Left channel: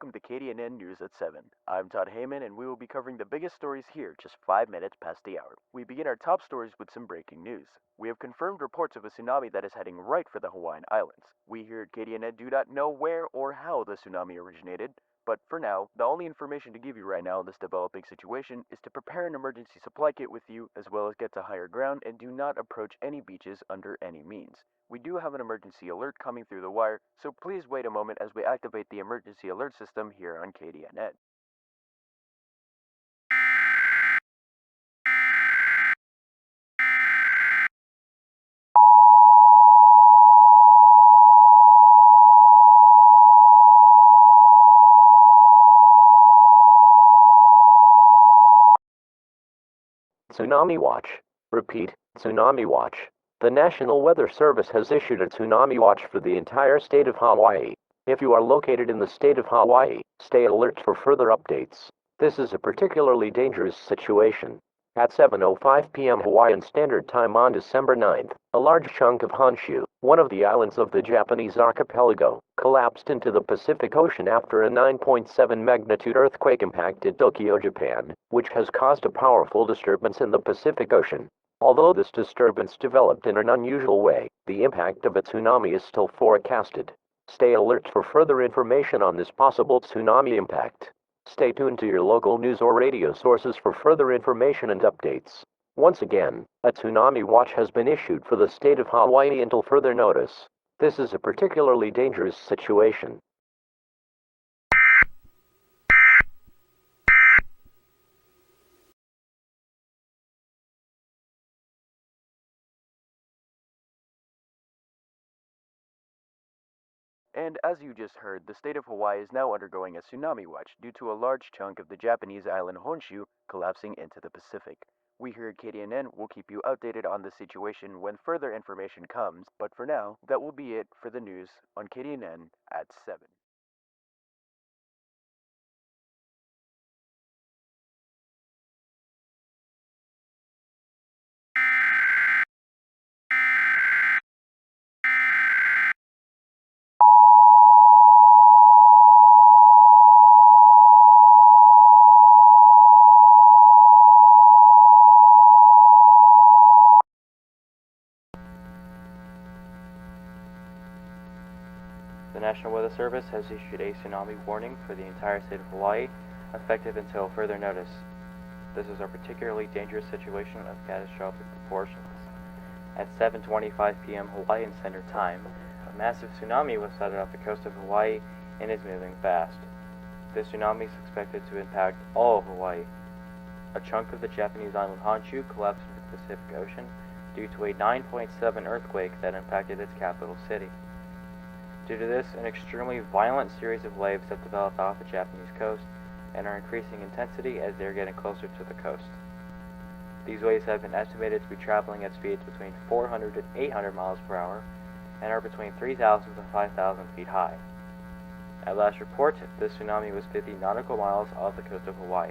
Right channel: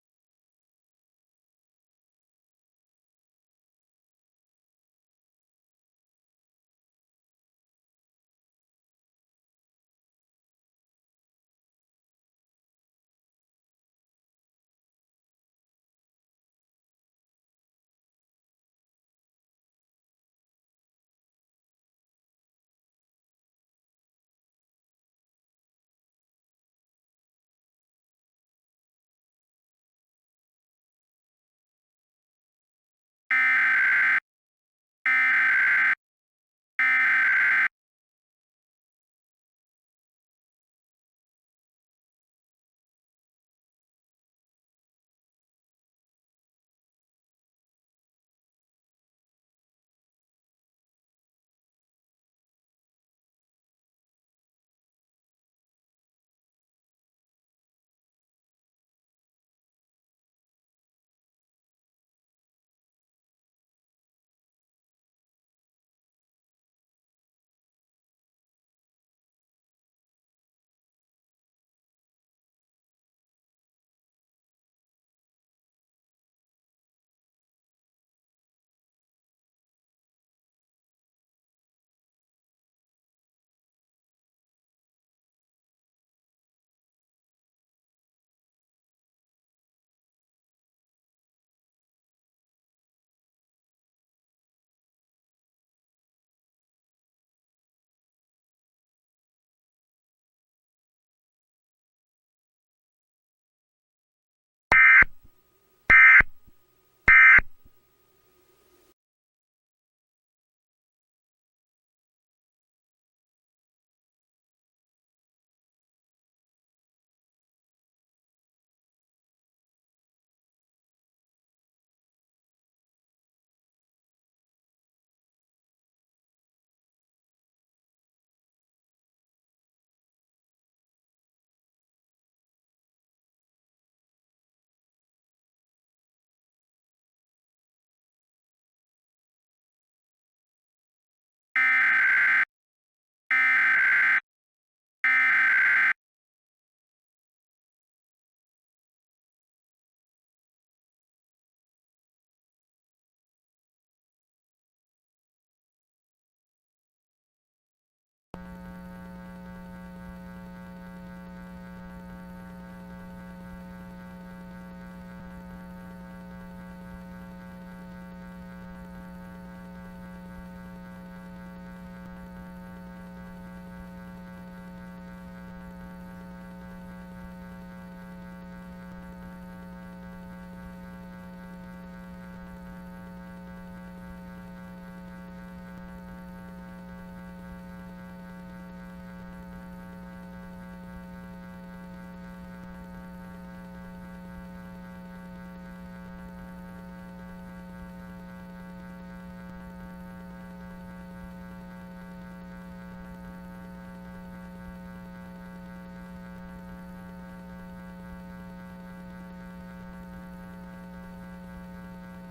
welcome to KDNN News at 7. I'm Todd Heyman, and we will be covering the biggest stories here just 5 minutes past the hour. We begin our top stories with some breaking news. We have confirmed reports of a tsunami that is heading right for the Hawaiian Islands. We here at KDNN do not know where or how the tsunami originated, but for now, the only information to give you right now in this developing situation is to prepare an emergency supply kit with you, as well as get to higher ground and do not approach any beaches under any means. We do have an emergency alert coming through the wire, so please wait a moment as we activate the emergency alert system here on KDNN. Tsunami watch. Repeat, tsunami watch. The National Weather Service has issued a tsunami watch for the entire state of Hawaii. If you are located in the state of Hawaii, stay alert for further updates. This is a particularly dangerous situation. At 7:05 p.m. Hawaiian Standard Time on December 9th, a large chunk of Honshu, one of the islands of the Japanese archipelago, collapsed into the Pacific Ocean after a 9.7 magnitude earthquake impacted Tokyo, Japan, which has caused a powerful disturbance in the Pacific Ocean. Although this disturbance developed in an unusual way, the impact of a tsunami is still forecasted. Stay alert for further information on this possible tsunami impact. Stay tuned to your local news or radio sources for further information and updates. Once again, a tsunami watch has been issued for the state of Hawaii until further notice. This is a particularly dangerous situation. And as you just heard, the state of Hawaii is now undergoing a tsunami watch due to a large chunk of the Japanese island Honshu collapsing into the Pacific. We here at KDNN will keep you updated on the situation when further information comes, but for now, that will be it for the news on KDNN at 7. The National Weather Service has issued a tsunami warning for the entire state of Hawaii, effective until further notice. This is a particularly dangerous situation of catastrophic proportions. At 7:25 p.m. Hawaiian Standard Time, a massive tsunami was sighted off the coast of Hawaii and is moving fast. This tsunami is expected to impact all of Hawaii. A chunk of the Japanese island Honshu collapsed into the Pacific Ocean due to a 9.7 earthquake that impacted its capital city. Due to this, an extremely violent series of waves have developed off the Japanese coast and are increasing intensity as they are getting closer to the coast. These waves have been estimated to be traveling at speeds between 400 and 800 miles per hour and are between 3,000 to 5,000 feet high. At last report, this tsunami was 50 nautical miles off the coast of Hawaii.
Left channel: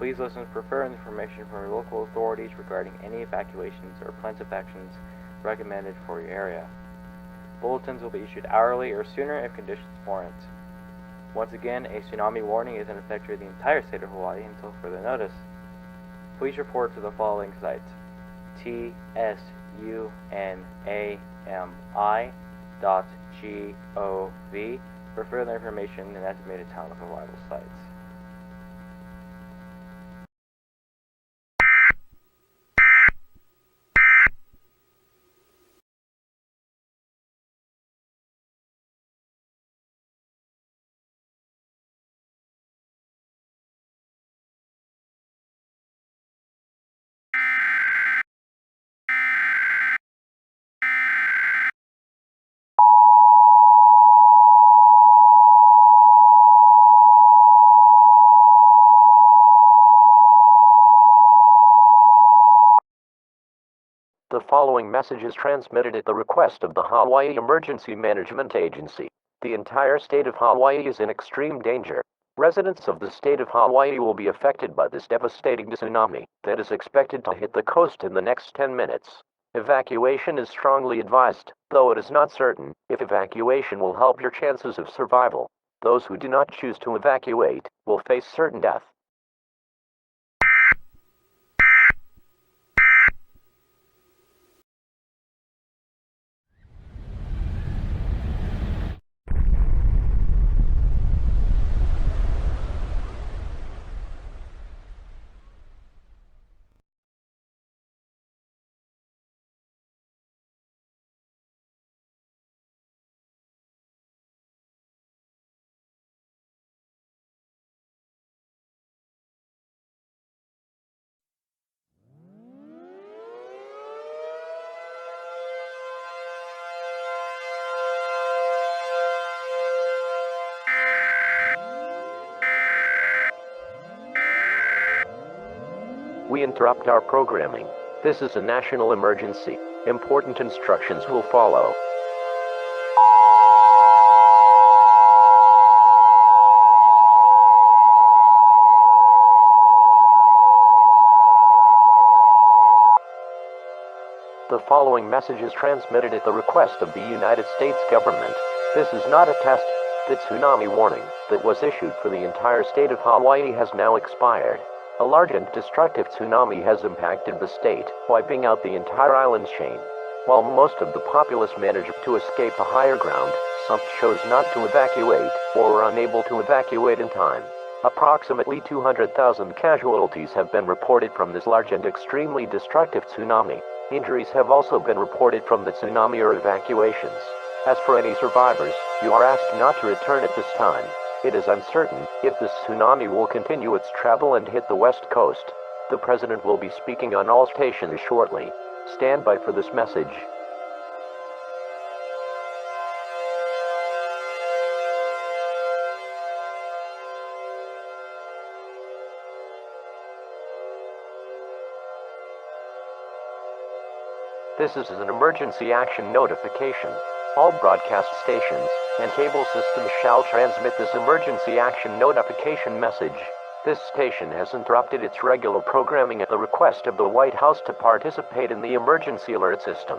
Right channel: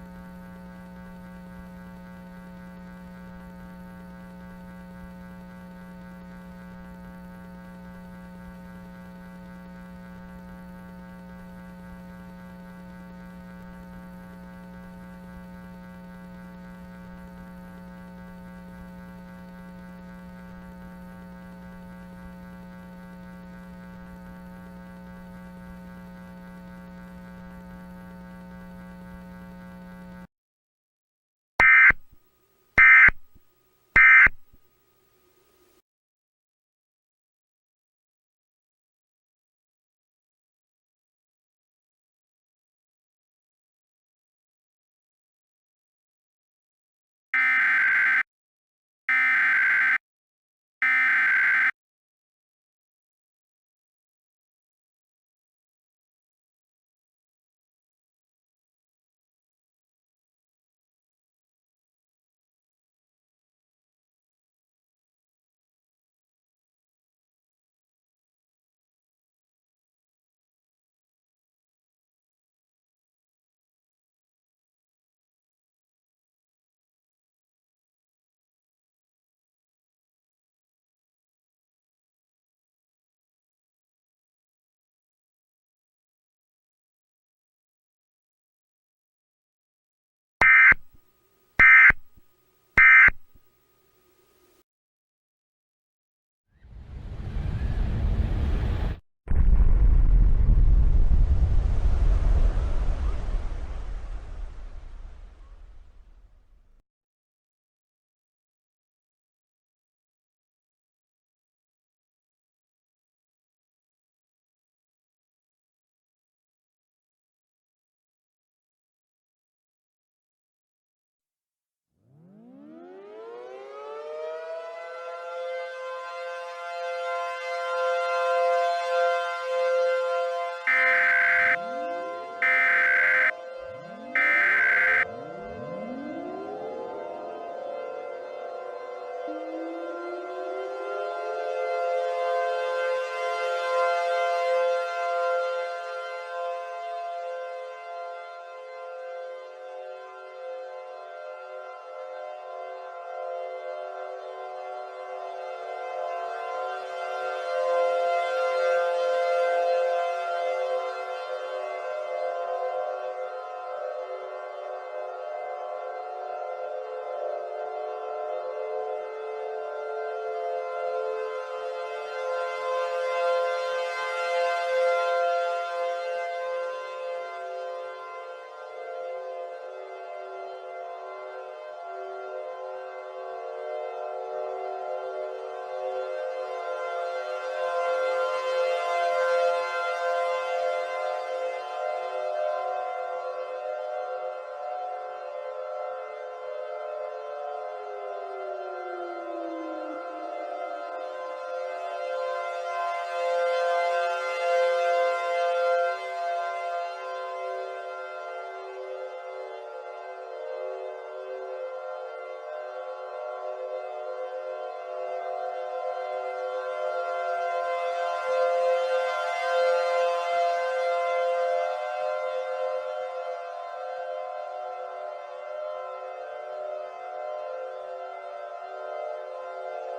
Please listen for further information from your local authorities regarding any evacuations or plans of actions recommended for your area. Bulletins will be issued hourly or sooner if conditions warrant. Once again, a tsunami warning is in effect for the entire state of Hawaii until further notice. Please report to the following sites: tsunami.gov for further information and estimated time of arrival sites. The following message is transmitted at the request of the Hawaii Emergency Management Agency. The entire state of Hawaii is in extreme danger. Residents of the state of Hawaii will be affected by this devastating tsunami that is expected to hit the coast in the next 10 minutes. Evacuation is strongly advised, though it is not certain if evacuation will help your chances of survival. Those who do not choose to evacuate will face certain death. We interrupt our programming. This is a national emergency. Important instructions will follow. The following message is transmitted at the request of the United States government. This is not a test. The tsunami warning that was issued for the entire state of Hawaii has now expired. A large and destructive tsunami has impacted the state, wiping out the entire island chain. While most of the populace managed to escape to higher ground, some chose not to evacuate or were unable to evacuate in time. Approximately 200,000 casualties have been reported from this large and extremely destructive tsunami. Injuries have also been reported from the tsunami or evacuations. As for any survivors, you are asked not to return at this time. It is uncertain if this tsunami will continue its travel and hit the west coast. The president will be speaking on all stations shortly. Stand by for this message. This is an emergency action notification. All broadcast stations and cable systems shall transmit this emergency action notification message. This station has interrupted its regular programming at the request of the White House to participate in the emergency alert system.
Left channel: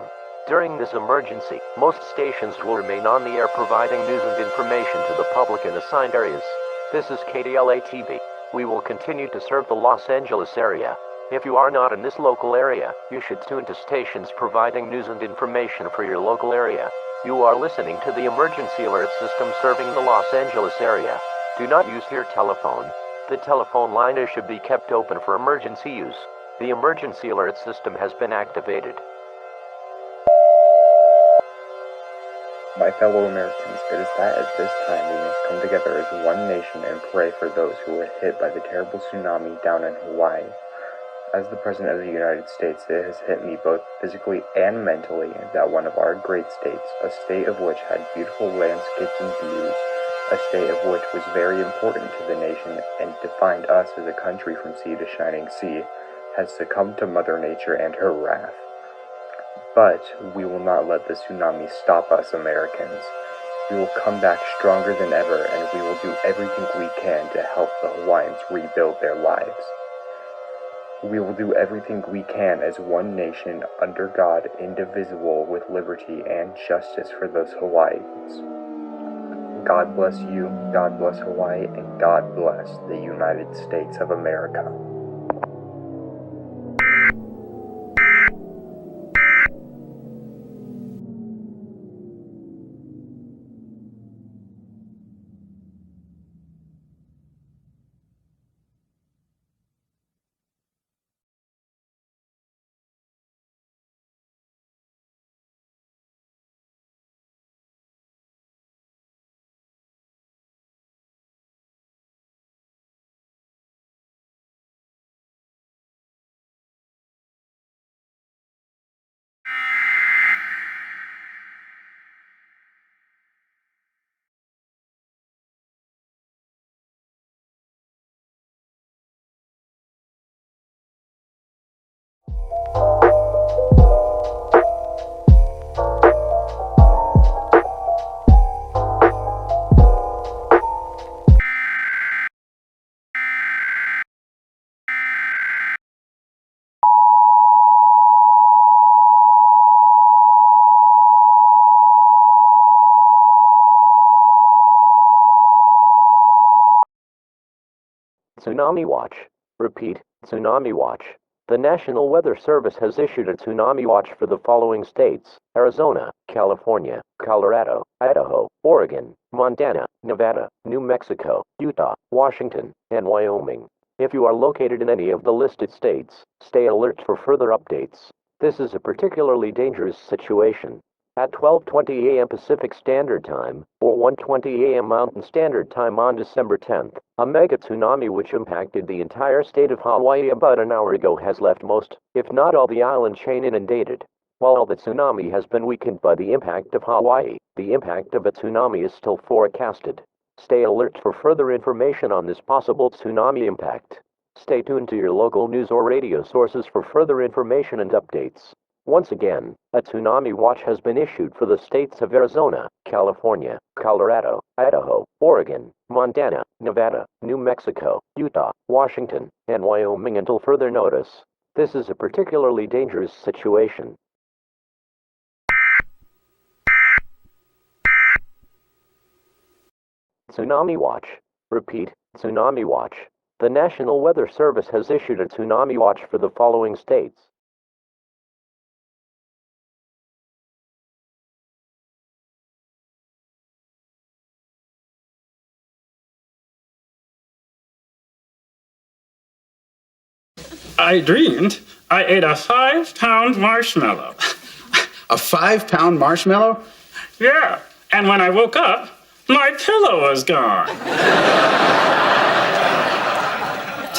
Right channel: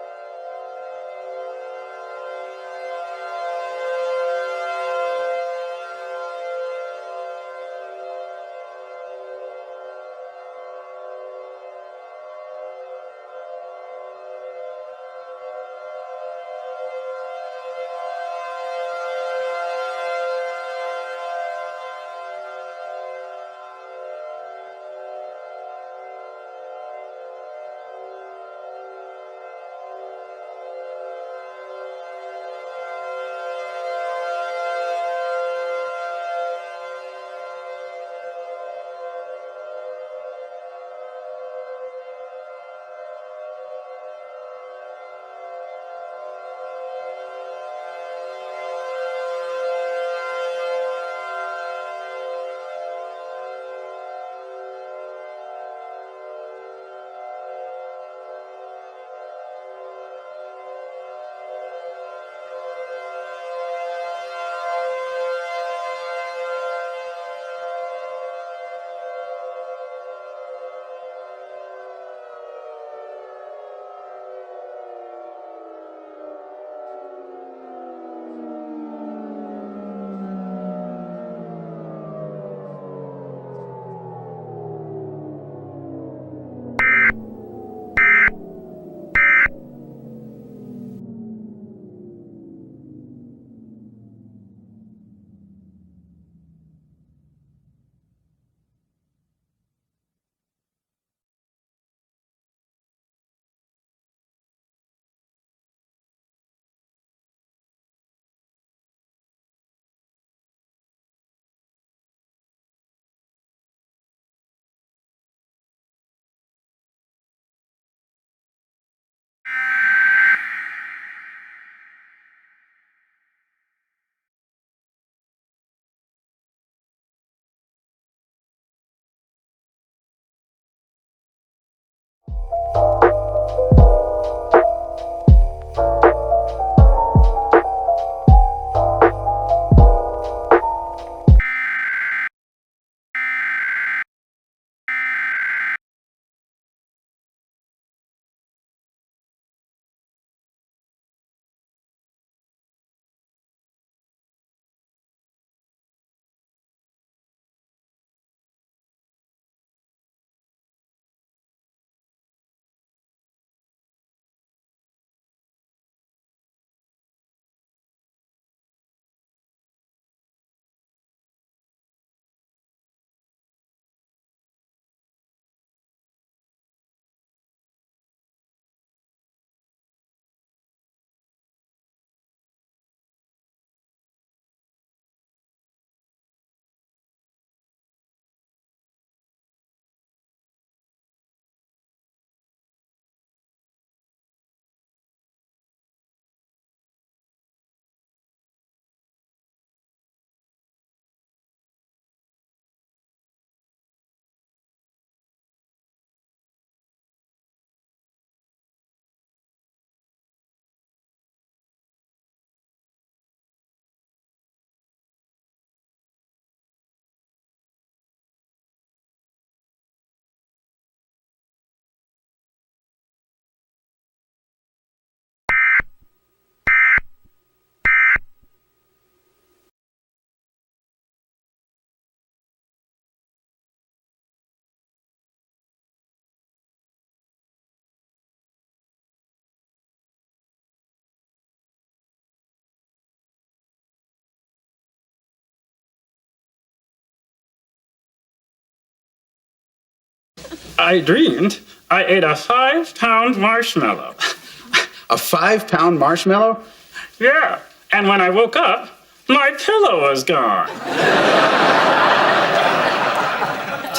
During this emergency, most stations will remain on the air providing news and information to the public in assigned areas. This is KDLA-TV. We will continue to serve the Los Angeles area. If you are not in this local area, you should tune to stations providing news and information for your local area. You are listening to the emergency alert system serving the Los Angeles area. Do not use your telephone. The telephone line should be kept open for emergency use. The emergency alert system has been activated. My fellow Americans, it is that at this time we must come together as one nation and pray for those who were hit by the terrible tsunami down in Hawaii. As the President of the United States, it has hit me both physically and mentally that one of our great states, a state of which had beautiful landscapes and beauty, a state of which was very important to the nation and defined us as a country from sea to shining sea, has succumbed to Mother Nature and her wrath. But we will not let the tsunami stop us, Americans. We will come back stronger than ever, and we will do everything we can to help the Hawaiians rebuild their lives. We will do everything we can as one nation under God, indivisible, with liberty and justice for those Hawaiians. God bless you, God bless Hawaii, and God bless the United States of America. Tsunami watch. Repeat, tsunami watch. The National Weather Service has issued a tsunami watch for the following states: Arizona, California, Colorado, Idaho, Oregon, Montana, Nevada, New Mexico, Utah, Washington, and Wyoming. If you are located in any of the listed states, stay alert for further updates. This is a particularly dangerous situation. At 12:20 a.m. Pacific Standard Time, or 1:20 a.m. Mountain Standard Time on December 10th, a mega tsunami which impacted the entire state of Hawaii about an hour ago has left most, if not all, the island chain inundated. While the tsunami has been weakened by the impact of Hawaii, the impact of a tsunami is still forecasted. Stay alert for further information on this possible tsunami impact. Stay tuned to your local news or radio sources for further information and updates. Once again, a tsunami watch has been issued for the states of Arizona, California, Colorado, Idaho, Oregon, Montana, Nevada, New Mexico, Utah, Washington, and Wyoming until further notice. This is a particularly dangerous situation. Tsunami watch. Repeat, tsunami watch. The National Weather Service has issued a tsunami watch for the following states: I dreamed I ate a 5-pound marshmallow. A 5-pound marshmallow? Yeah, and when I woke up, my pillow was gone.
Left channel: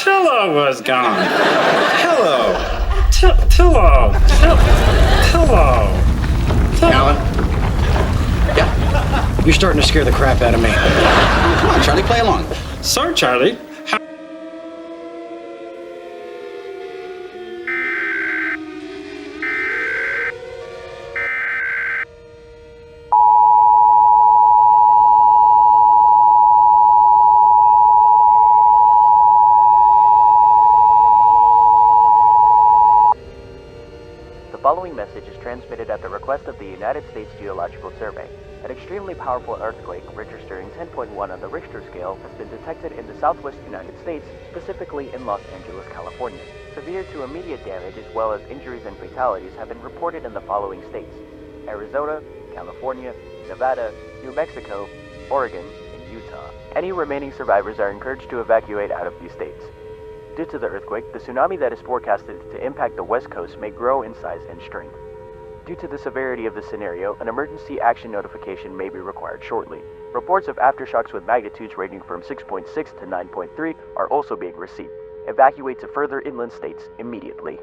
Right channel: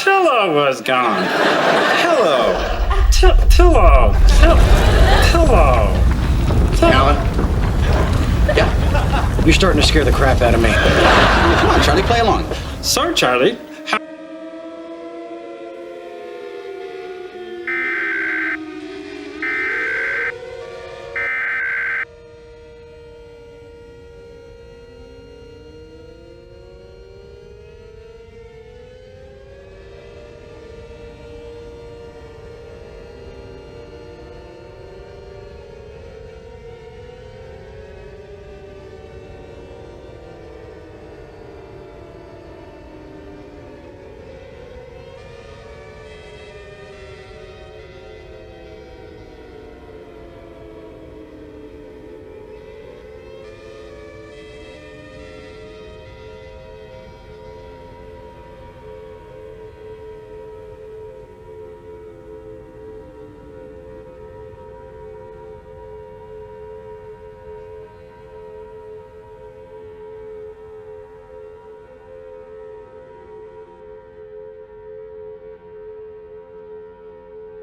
Pillow was gone. Hello. Pillow. Pillow. Alan? Yeah? You're starting to scare the crap out of me. Come on, Charlie, play along. So, Charlie, The following message is transmitted at the request of the United States Geological Survey. An extremely powerful earthquake registering 10.1 on the Richter scale has been detected in the southwest United States, specifically in Los Angeles, California. Severe to immediate damage as well as injuries and fatalities have been reported in the following states: Arizona, California, Nevada, New Mexico, Oregon, Utah. Any remaining survivors are encouraged to evacuate out of these states. Due to the earthquake, the tsunami that is forecasted to impact the West Coast may grow in size and strength. Due to the severity of the scenario, an emergency action notification may be required shortly. Reports of aftershocks with magnitudes ranging from 6.6 to 9.3 are also being received. Evacuate to further inland states immediately.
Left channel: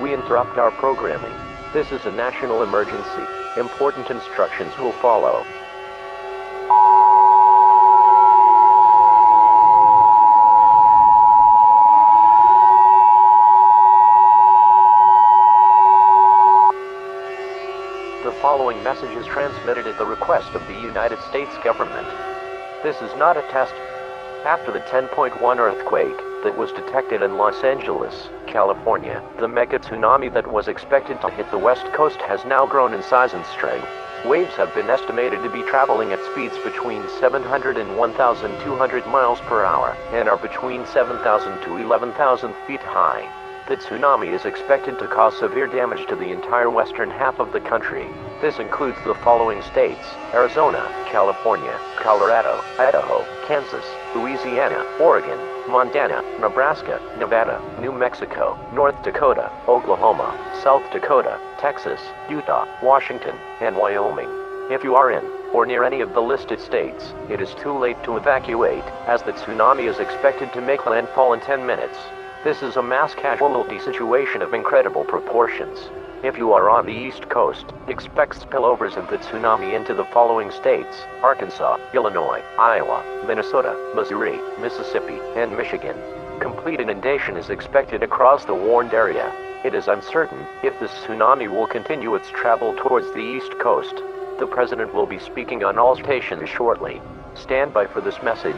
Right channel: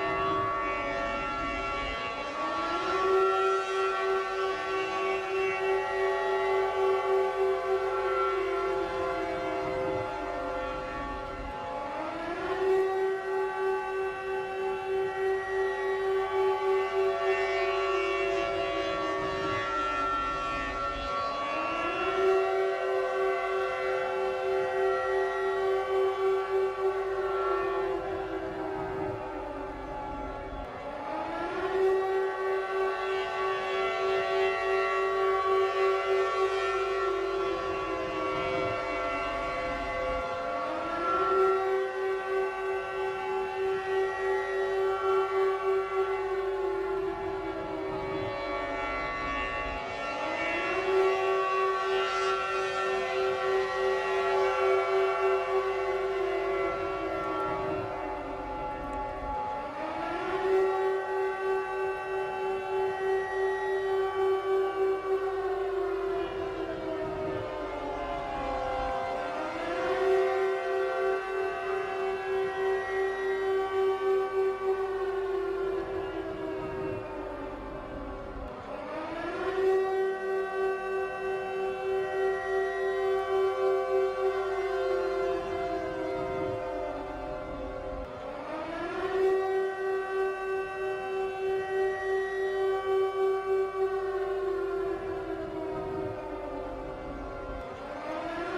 We interrupt our programming. This is a national emergency. Important instructions will follow. The following message is transmitted at the request of the United States government. This is not a test. After the 10.1 earthquake that was detected in Los Angeles, California, the mega tsunami that was expected to hit the West Coast has now grown in size and strength. Waves have been estimated to be traveling at speeds between 700 and 1,200 miles per hour and are between 7,000 to 11,000 feet high. The tsunami is expected to cause severe damage to the entire western half of the country. This includes the following states: Arizona, California, Colorado, Idaho, Kansas, Louisiana, Oregon, Montana, Nebraska, Nevada, New Mexico, North Dakota, Oklahoma, South Dakota, Texas, Utah, Washington, and Wyoming. If you are in or near any of the listed states, it is too late to evacuate, as the tsunami is expected to make landfall in 10 minutes. This is a mass casualty situation of incredible proportions. If you are on the East Coast, expect spillovers of the tsunami into the following states: Arkansas, Illinois, Iowa, Minnesota, Missouri, Mississippi, and Michigan. Complete inundation is expected across the warned area. It is uncertain if the tsunami will continue its travel towards the East Coast. The President will be speaking on all stations shortly. Stand by for this message.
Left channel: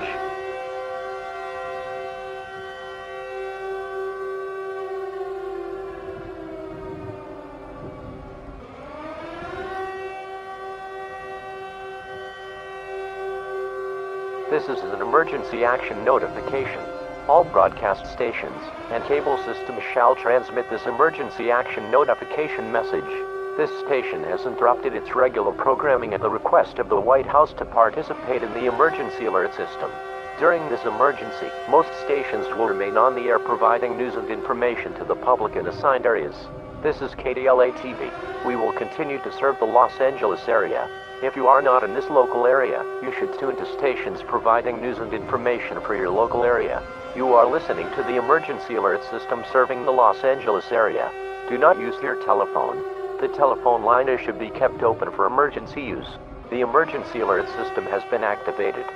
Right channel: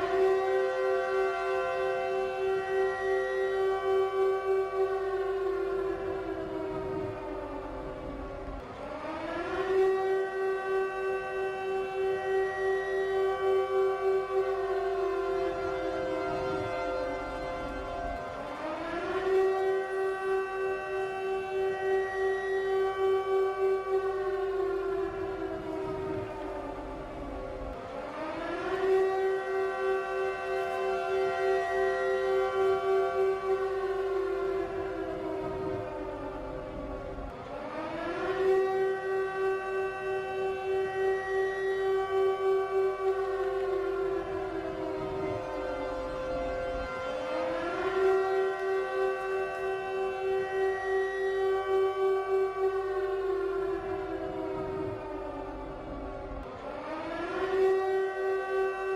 This is an emergency action notification. All broadcast stations and cable systems shall transmit this emergency action notification message. This station has interrupted its regular programming at the request of the White House to participate in the emergency alert system. During this emergency, most stations will remain on the air providing news and information to the public in assigned areas. This is KDLA-TV. We will continue to serve the Los Angeles area. If you are not in this local area, you should tune to stations providing news and information for your local area. You are listening to the emergency alert system serving the Los Angeles area. Do not use your telephone. The telephone line should be kept open for emergency use. The emergency alert system has been activated.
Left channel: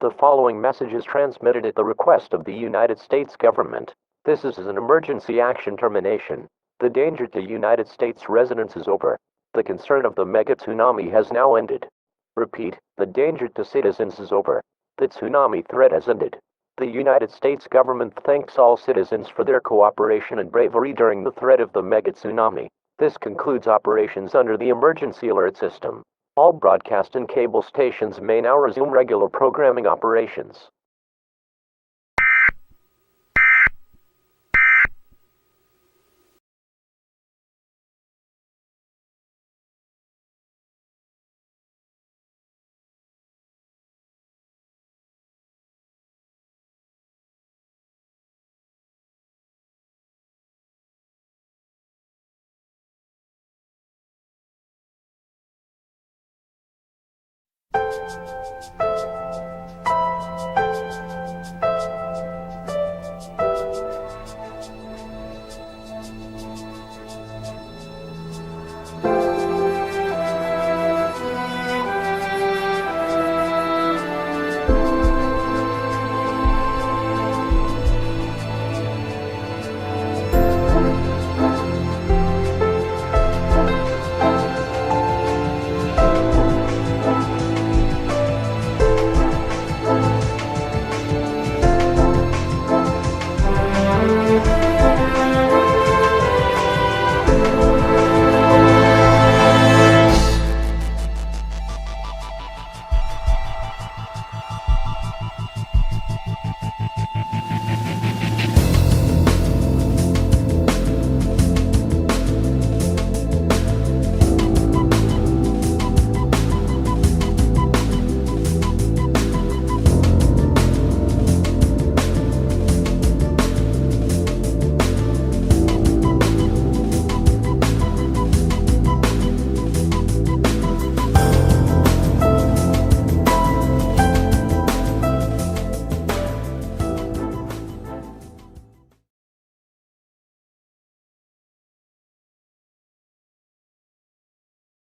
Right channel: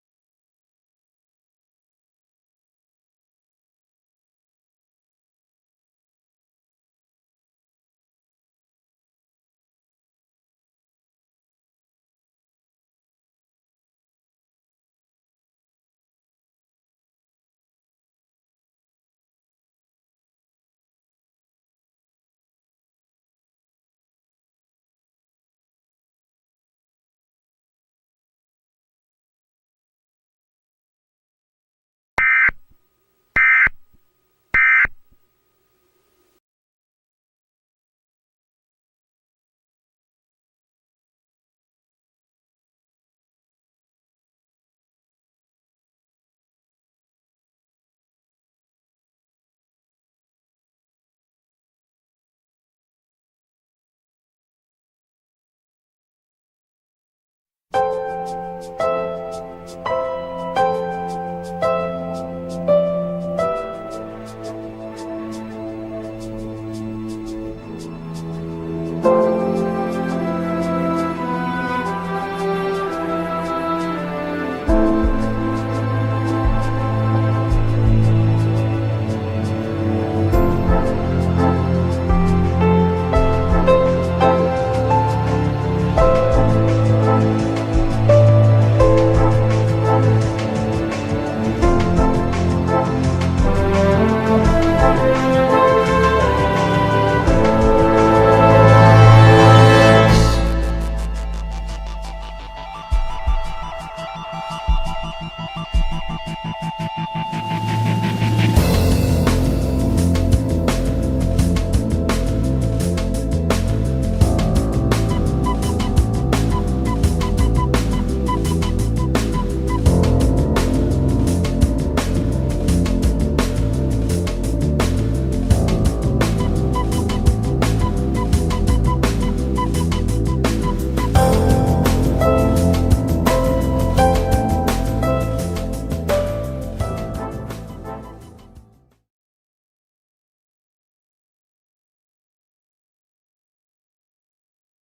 The following message is transmitted at the request of the United States government. This is an emergency action termination. The danger to United States residents is over. The concern of the mega tsunami has now ended. Repeat, the danger to citizens is over. The tsunami threat has ended. The United States government thanks all citizens for their cooperation and bravery during the threat of the mega tsunami. This concludes operations under the emergency alert system. All broadcast and cable stations may now resume regular programming operations.